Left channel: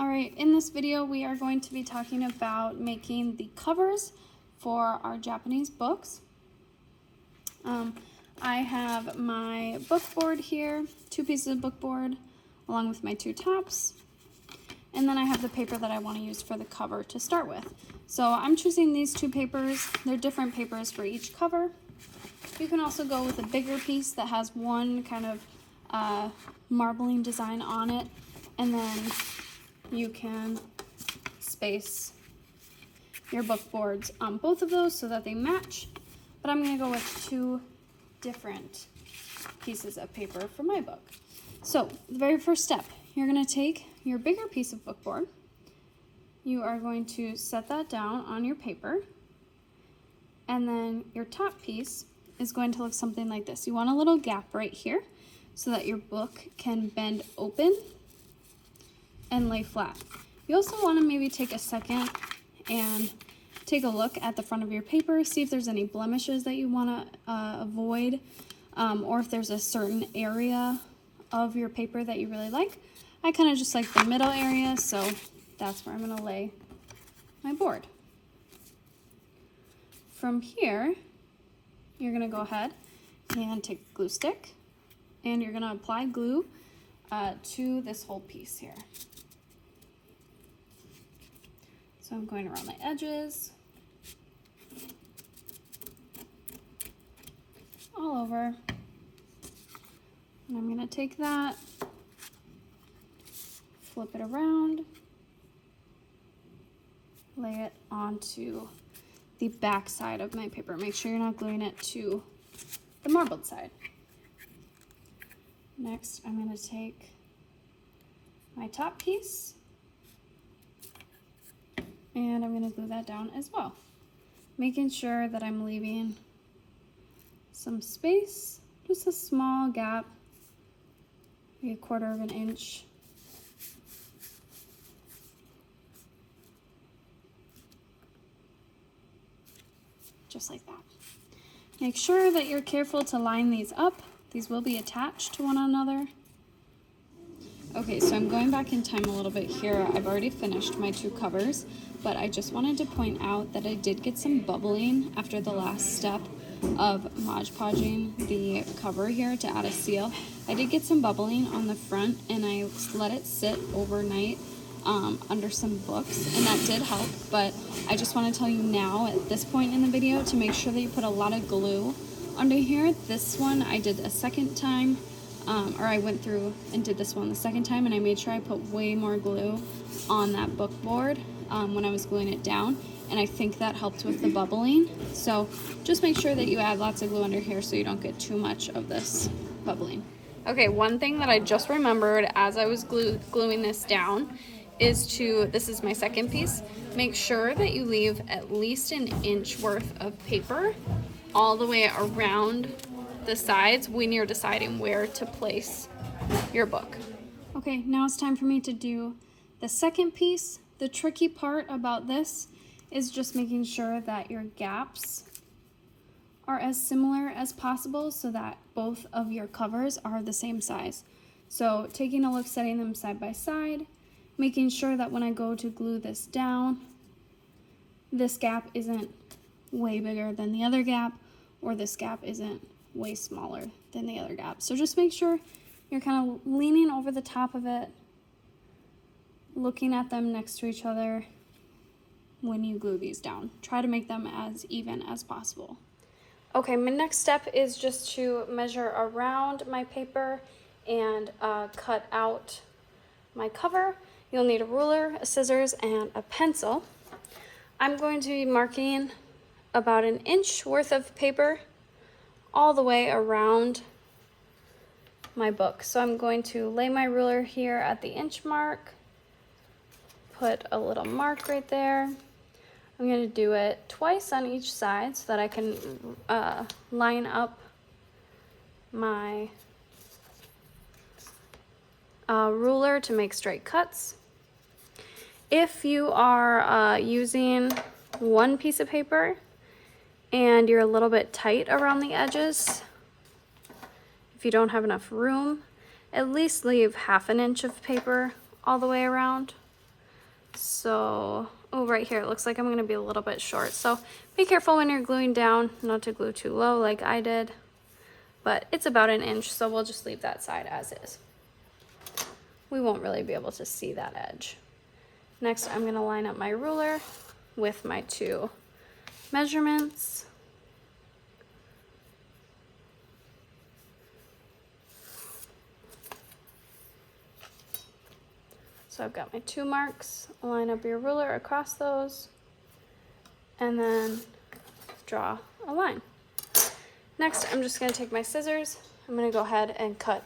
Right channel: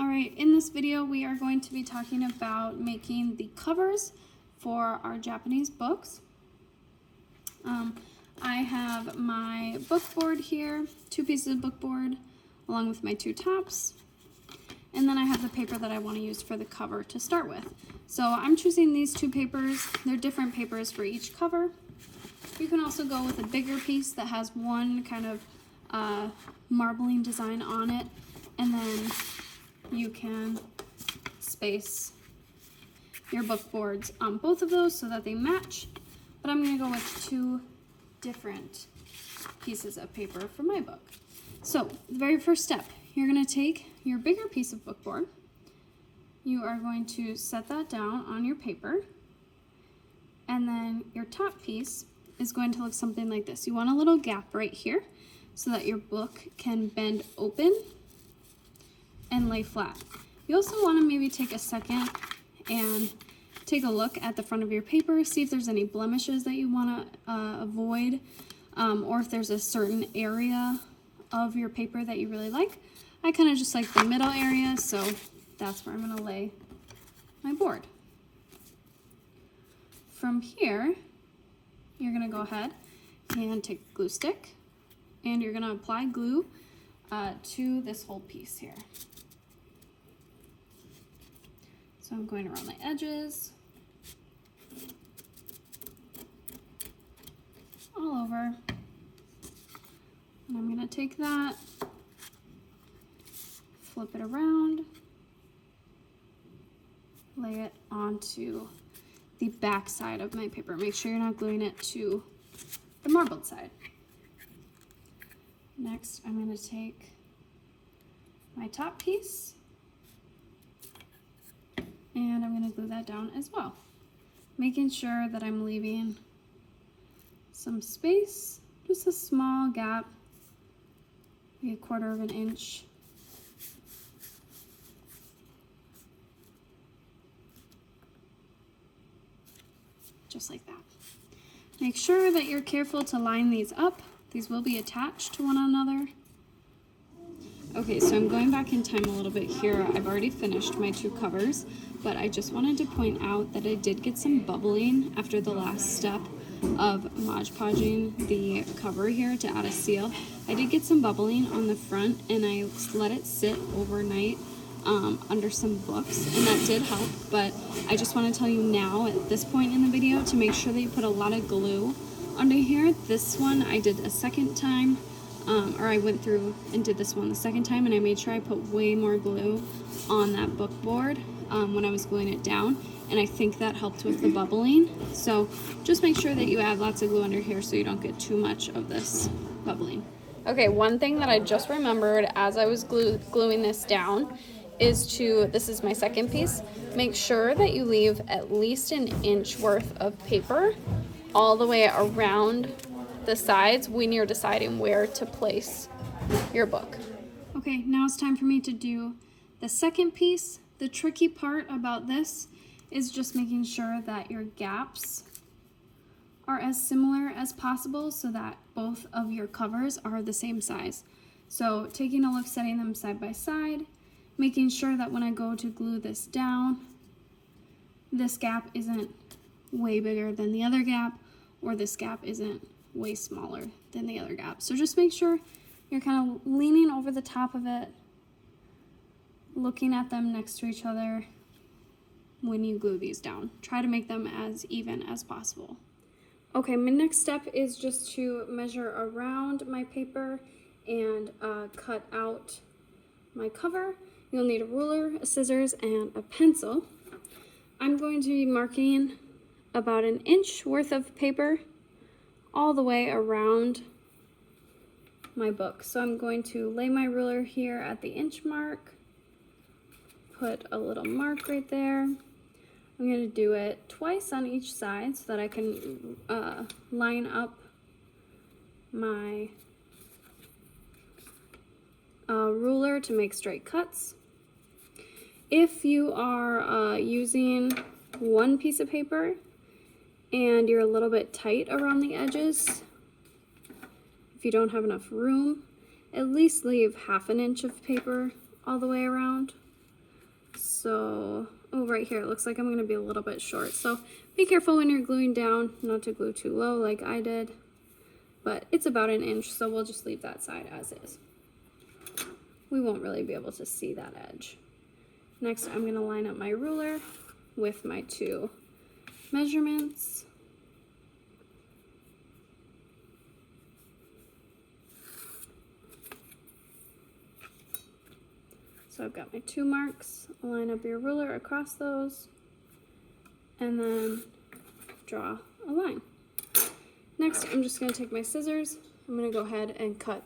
All right, in this video we are going to be talking about making the covers for our Japanese books. I have my book board here, 2 pieces of book board along with my 2 tops, and then I have the paper that I want to use for the cover to start with. So I'm choosing these 2 papers. They're different papers for each cover. You can also go with a bigger piece that has one kind of marbling design on it, and then you can space your book boards on both of those so that they match, but I'm going to go with 2 different pieces of paper for my book. So the very first step, you're going to take your bigger piece of book board, you are going to set that down on your paper, and then your top piece is going to look something like this. You want a little gap right here so that your book can bend open and lay flat. You also want to maybe take a second and take a look at the front of your paper, see if there's any blemishes that you want to avoid, or if there's a certain area of your paper that you really like. I kind of just like the middle area, so that's where I'm going to lay my board. From here, you're going to go ahead and take a glue stick, and you're going to apply glue to this whole piece here. So I'm going around the edges, all over, and I'm going to take that, flip it around, lay it onto the back side of my paper. Make sure you're not gluing it to the marbled side. Next, I'm going to take my top piece, and I'm going to glue that down as well, making sure that I'm leaving some space, just a small gap, maybe 1/4 of an inch. Just like that. Make sure that you're careful to line these up. These will be attached to one another. Okay, so I'm going back in time a little bit here. I've already finished my 2 covers, but I just wanted to point out that I did get some bubbling after the last step of Mod Podging the cover here to add a seal. I did get some bubbling on the front, and I let it sit overnight under some books, and that did help, but I just want to tell you now at this point in the video to make sure that you put a lot of glue under here. This one I did a second time, or I went through and did this one the second time, and I made sure I put way more glue on that book board when I was gluing it down, and I think that helped with the bubbling. So just make sure that you add lots of glue under here so you don't get too much of this bubbling. Okay, one thing that I just remembered as I was gluing this down is this is my second piece, make sure that you leave at least an inch worth of paper all the way around the sides when you're deciding where to place your book. Okay, now it's time for me to do the second piece. The tricky part about this is just making sure that your gaps are as similar as possible so that both of your covers are the same size. So taking a look, setting them side by side, making sure that when I go to glue this down, this gap isn't way bigger than the other gap, or this gap isn't way smaller than the other gap. So just make sure you're kind of leaning over the top of it, looking at them next to each other when you glue these down. Try to make them as even as possible. Okay, my next step is just to measure around my paper and cut out my cover. You'll need a ruler, a scissors, and a pencil. I'm going to be marking about an inch worth of paper all the way around my book. So I'm going to lay my ruler here at the inch mark, put a little mark right there. I'm going to do it twice on each side so that I can line up my ruler to make straight cuts. If you are using one piece of paper and you're a little bit tight around the edges, if you don't have enough room, at least leave 1/2 inch of paper all the way around. So, oh, right here, it looks like I'm gonna be a little bit short. So be careful when you're gluing down, not to glue too low like I did, but it's about an inch, so we'll just leave that side as is. We won't really be able to see that edge. Next, I'm gonna line up my ruler with my 2 measurements. So I've got my 2 marks, line up your ruler across those, and then draw a line. Next, I'm just gonna take my scissors, I'm gonna go ahead and cut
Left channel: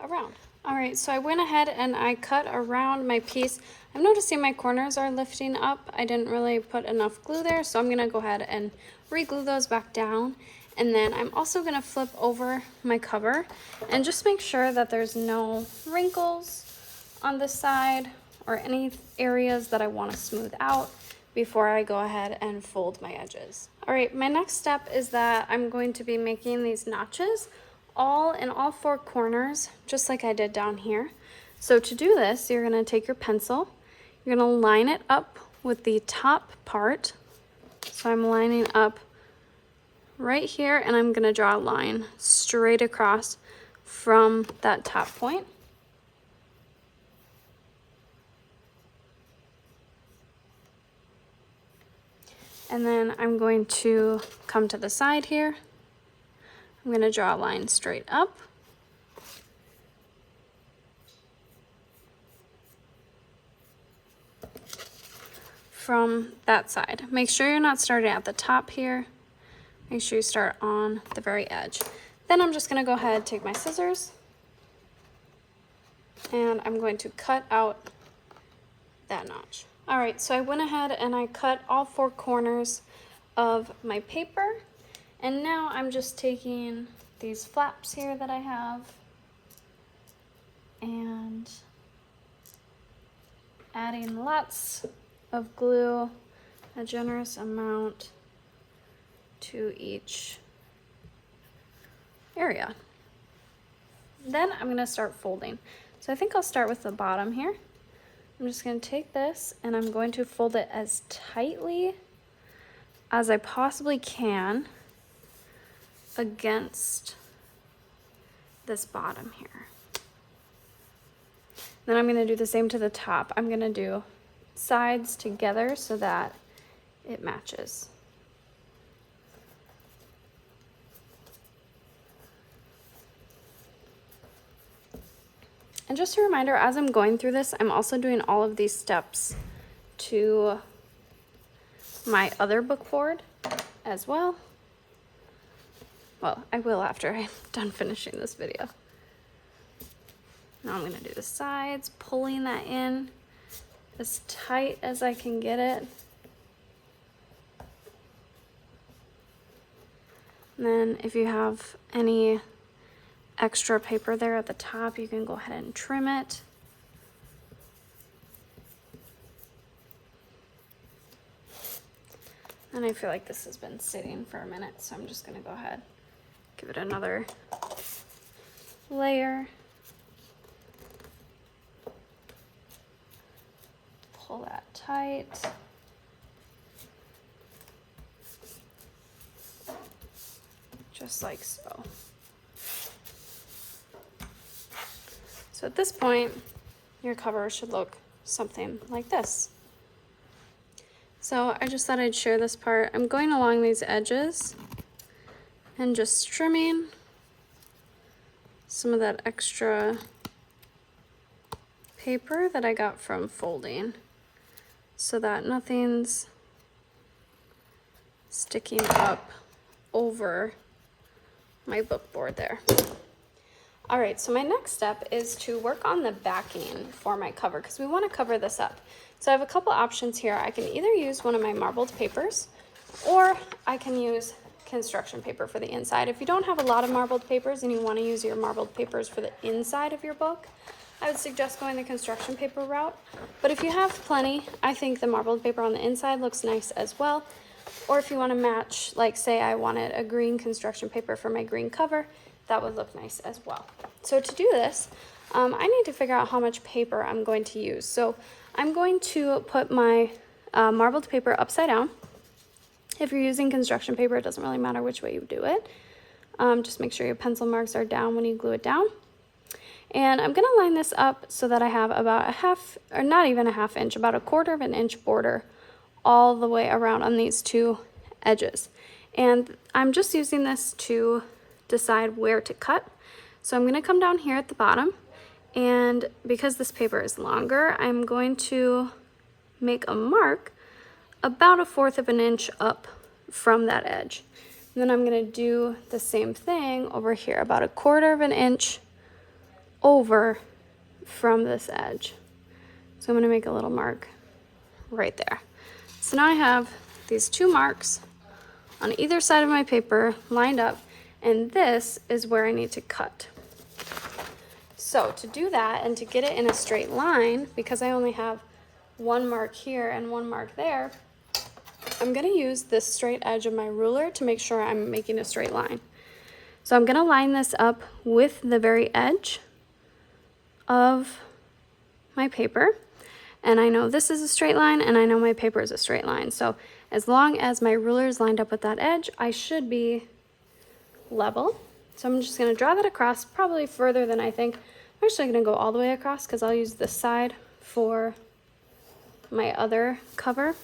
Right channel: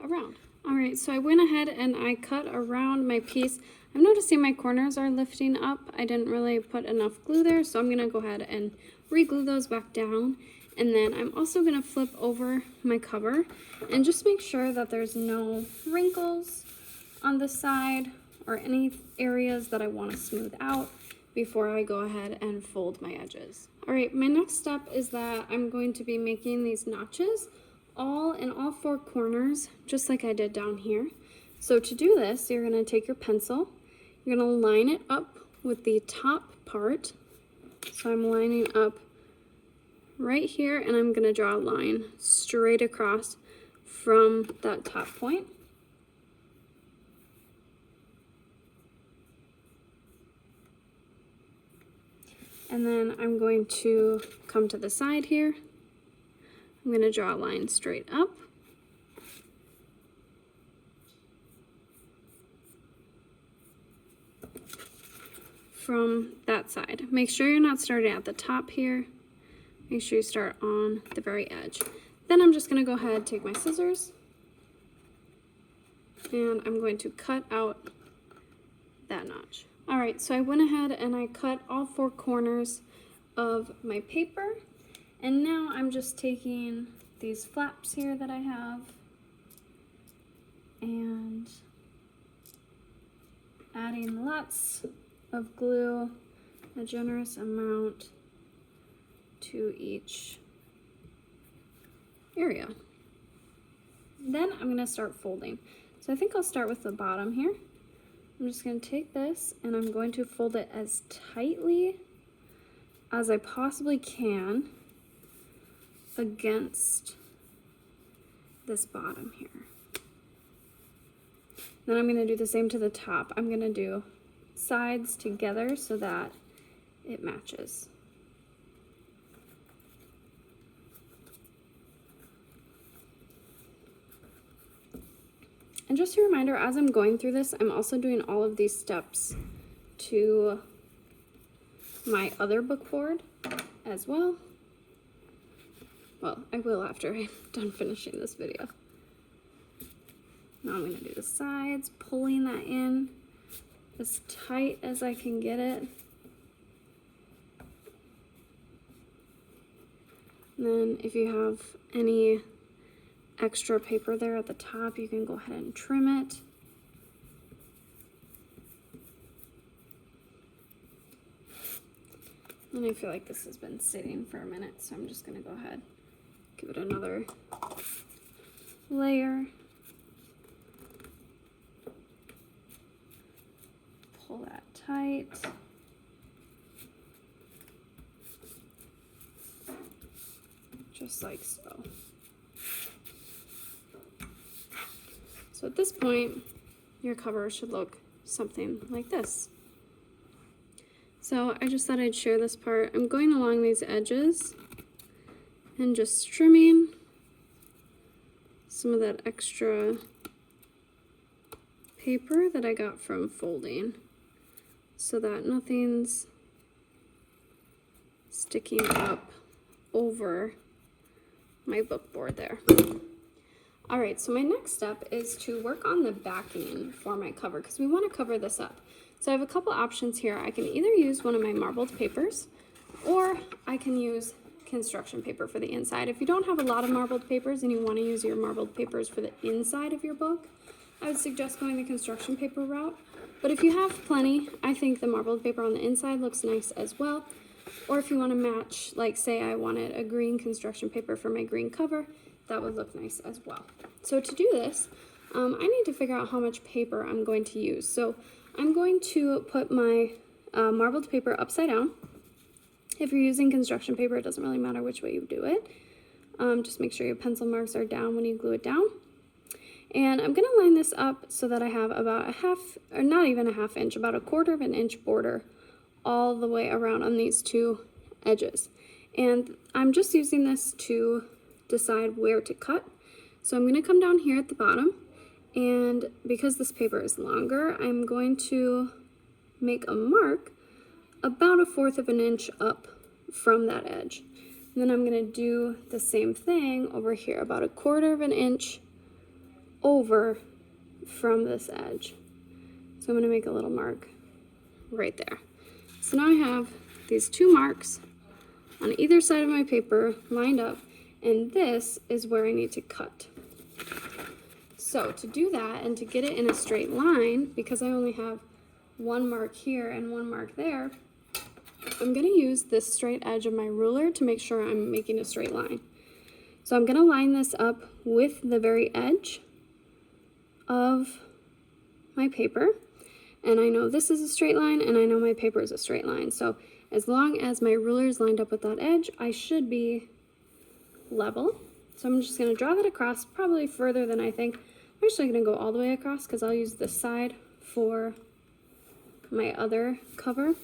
around. All right, so I went ahead and I cut around my piece. I'm noticing my corners are lifting up. I didn't really put enough glue there, so I'm gonna go ahead and re-glue those back down. And then I'm also gonna flip over my cover and just make sure that there's no wrinkles on the side or any areas that I want to smooth out before I go ahead and fold my edges. All right, my next step is that I'm going to be making these notches in all 4 corners, just like I did down here. So to do this, you're gonna take your pencil, you're gonna line it up with the top part. So I'm lining up right here, and I'm gonna draw a line straight across from that top point. And then I'm going to come to the side here. I'm going to draw a line straight up. From that side. Make sure you're not starting at the top here. Make sure you start on the very edge. Then I'm just going to go ahead and take my scissors, and I'm going to cut out that notch. All right, so I went ahead and I cut all 4 corners of my paper, and now I'm just taking these flaps here that I have and adding lots of glue, a generous amount to each area. Then I'm going to start folding. So I think I'll start with the bottom here. I'm just going to take this and I'm going to fold it as tightly as I possibly can against this bottom here. Then I'm going to do the same to the top. I'm going to do sides together so that it matches. And just a reminder, as I'm going through this, I'm also doing all of these steps to my other book board as well. Well, I will after I'm done finishing this video. Now I'm going to do the sides, pulling that in as tight as I can get it. And then if you have any extra paper there at the top, you can go ahead and trim it. And I feel like this has been sitting for a minute, so I'm just going to go ahead, give it another layer. Pull that tight. Just like so. So at this point, your cover should look something like this. So I just thought I'd share this part. I'm going along these edges and just trimming some of that extra paper that I got from folding so that nothing's sticking up over my book board there. All right, so my next step is to work on the backing for my cover because we want to cover this up. So I have a couple options here. I can either use one of my marbled papers or I can use construction paper for the inside. If you don't have a lot of marbled papers and you want to use your marbled papers for the inside of your book, I would suggest going the construction paper route. But if you have plenty, I think the marbled paper on the inside looks nice as well. Or if you want to match, like say I wanted a green construction paper for my green cover, that would look nice as well. So to do this, I need to figure out how much paper I'm going to use. So I'm going to put my marbled paper upside down. If you're using construction paper, it doesn't really matter which way you do it. Just make sure your pencil marks are down when you glue it down. And I'm gonna line this up so that I have about a half, or not even a half inch, about a 1/4 of an inch border all the way around on these two edges. And I'm just using this to decide where to cut. So I'm gonna come down here at the bottom, and because this paper is longer, I'm going to make a mark about a 1/4 of an inch up from that edge. And then I'm gonna do the same thing over here, about a 1/4 of an inch over from this edge. So I'm gonna make a little mark right there. So now I have these two marks on either side of my paper lined up, and this is where I need to cut. So to do that and to get it in a straight line, because I only have one mark here and one mark there, I'm gonna use this straight edge of my ruler to make sure I'm making a straight line. So I'm gonna line this up with the very edge of my paper. And I know this is a straight line, and I know my paper is a straight line. So as long as my ruler is lined up with that edge, I should be level. So I'm just gonna draw that across, probably further than I think. I'm actually gonna go all the way across because I'll use this side for my other cover.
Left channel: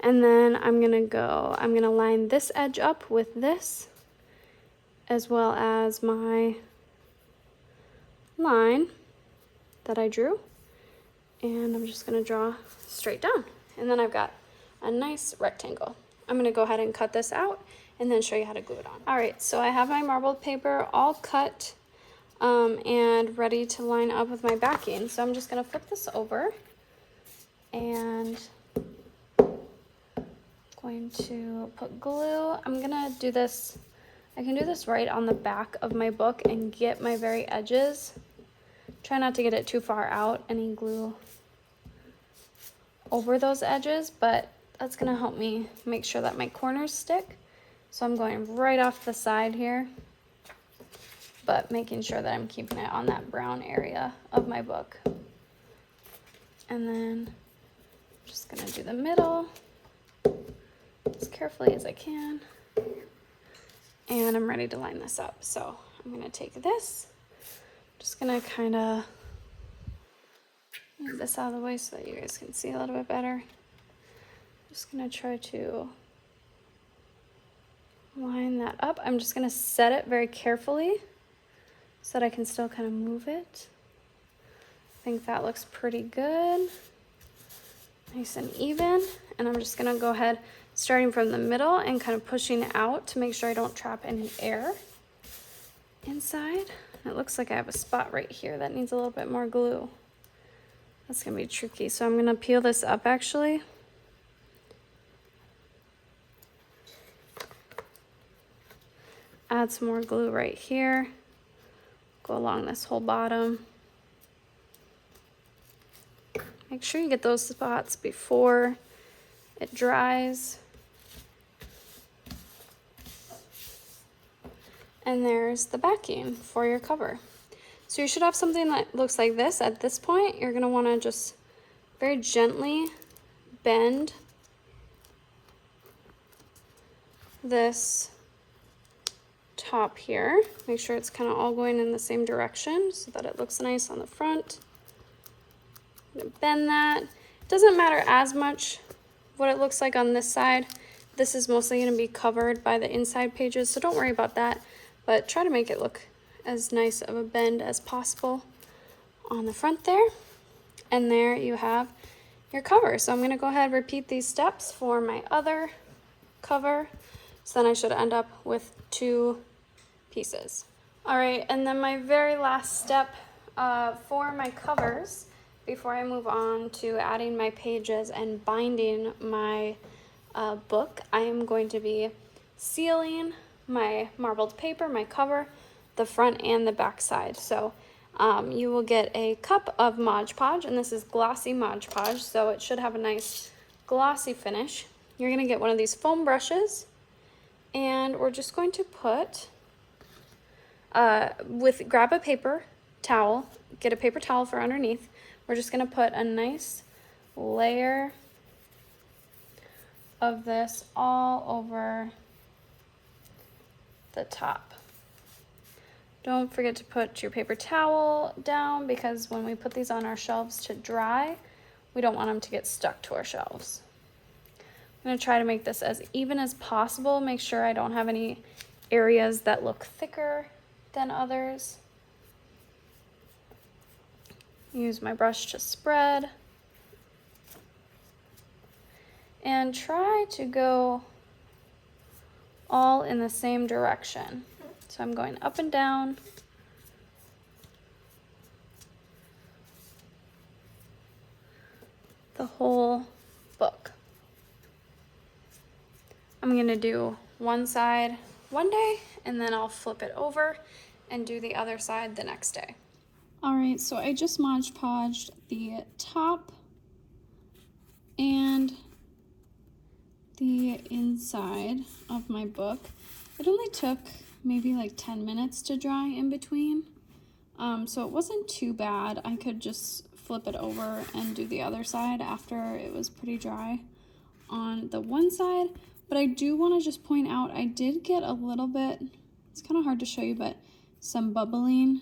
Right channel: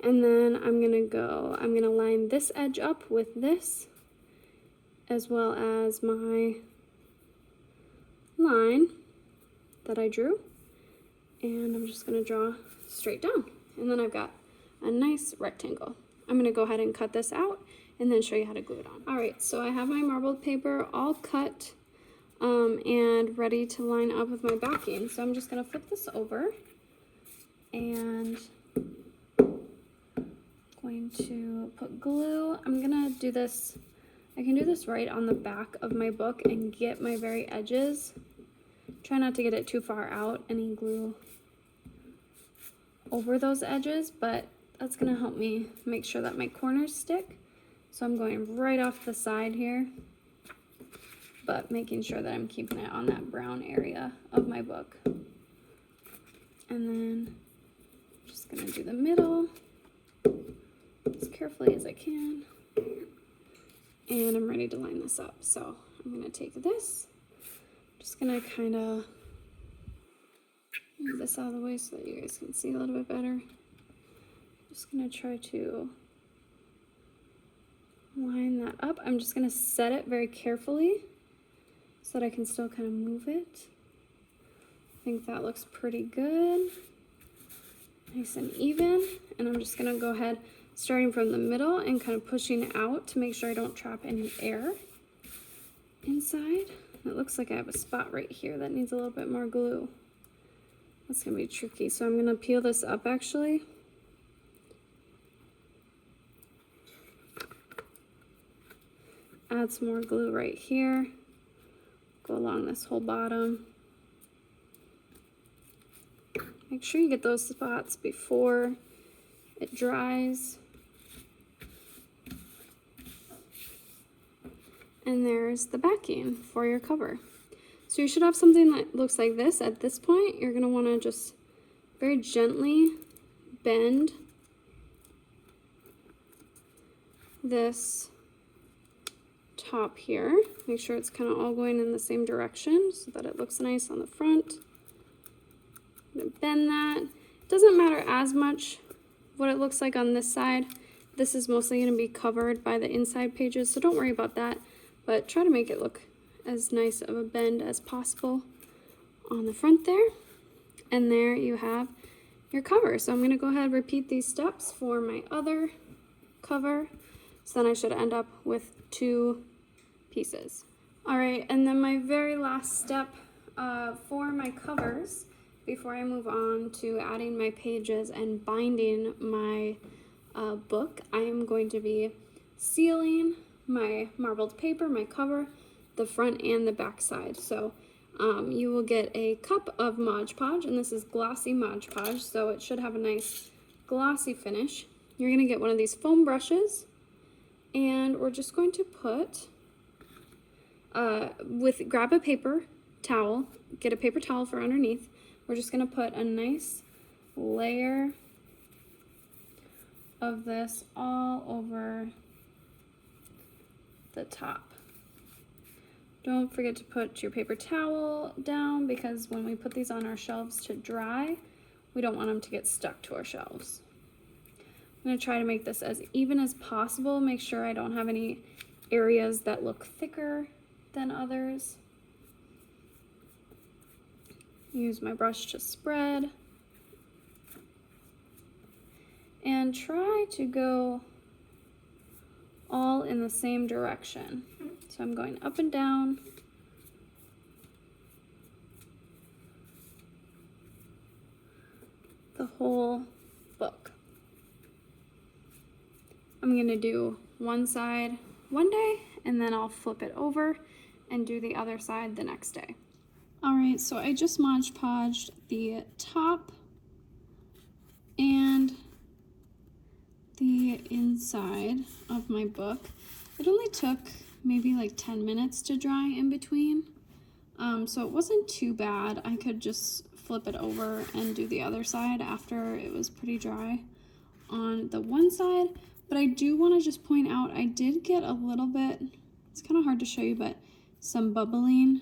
And then I'm gonna line this edge up with this, as well as my line that I drew. And I'm just gonna draw straight down. And then I've got a nice rectangle. I'm gonna go ahead and cut this out and then show you how to glue it on. All right, so I have my marbled paper all cut and ready to line up with my backing. So I'm just gonna flip this over and going to put glue. I'm gonna do this, I can do this right on the back of my book and get my very edges. Try not to get it too far out, any glue over those edges, but that's gonna help me make sure that my corners stick. So I'm going right off the side here, but making sure that I'm keeping it on that brown area of my book. And then I'm just gonna do the middle as carefully as I can. And I'm ready to line this up. So I'm gonna take this, just gonna kinda move this out of the way so that you guys can see a little bit better. Just gonna try to line that up. I'm just gonna set it very carefully so that I can still kind of move it. I think that looks pretty good. Nice and even. And I'm just gonna go ahead, starting from the middle and kind of pushing out to make sure I don't trap any air inside. And it looks like I have a spot right here that needs a little bit more glue. That's gonna be tricky. So I'm gonna peel this up actually. Add some more glue right here. Go along this whole bottom. Make sure you get those spots before it dries. And there's the backing for your cover. So you should have something that looks like this. At this point, you're gonna wanna just very gently bend this top here. Make sure it's kind of all going in the same direction so that it looks nice on the front. I'm gonna bend that. It doesn't matter as much what it looks like on this side. This is mostly gonna be covered by the inside pages, so don't worry about that, but try to make it look as nice of a bend as possible on the front there. And there you have your cover. So I'm gonna go ahead and repeat these steps for my other cover. So then I should end up with 2 pieces. All right, and then my very last step for my covers, before I move on to adding my pages and binding my book, I am going to be sealing my marbled paper, my cover, the front and the back side. So you will get a cup of Mod Podge, and this is glossy Mod Podge, so it should have a nice glossy finish. You're gonna get one of these foam brushes, and we're just going to put, grab a paper towel, get a paper towel for underneath, we're just gonna put a nice layer of this all over the top. Don't forget to put your paper towel down, because when we put these on our shelves to dry, we don't want them to get stuck to our shelves. I'm gonna try to make this as even as possible. Make sure I don't have any areas that look thicker than others. Use my brush to spread. And try to go all in the same direction. So I'm going up and down. The whole book. I'm gonna do one side one day, and then I'll flip it over and do the other side the next day. All right, so I just Mod Podged the top and the inside of my book. It only took maybe like 10 minutes to dry in between, so it wasn't too bad. I could just flip it over and do the other side after it was pretty dry on the one side. But I do want to just point out, I did get a little bit, it's kind of hard to show you, but some bubbling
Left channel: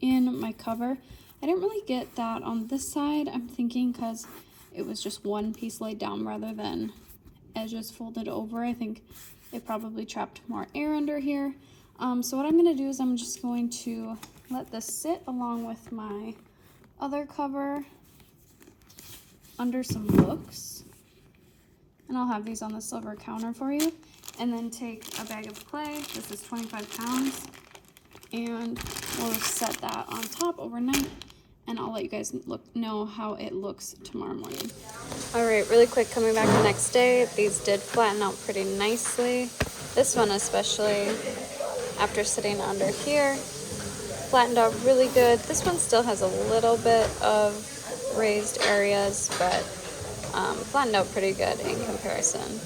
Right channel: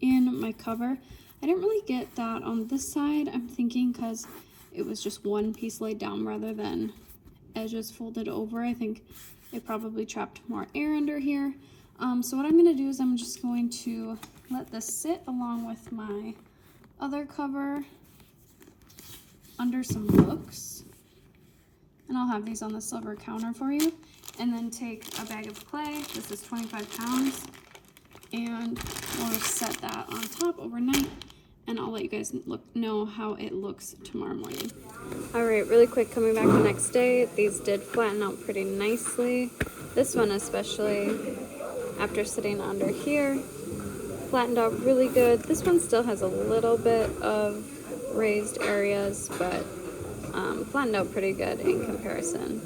in my cover. I didn't really get that on this side, I'm thinking, because it was just one piece laid down rather than edges folded over. I think it probably trapped more air under here. So what I'm going to do is I'm just going to let this sit along with my other cover under some books. And I'll have these on the silver counter for you. And then take a bag of clay. This is 25 pounds. And we'll set that on top overnight. And I'll let you guys know how it looks tomorrow morning. All right, really quick, coming back the next day, these did flatten out pretty nicely. This one especially, after sitting under here, flattened out really good. This one still has a little bit of raised areas, but flattened out pretty good in comparison.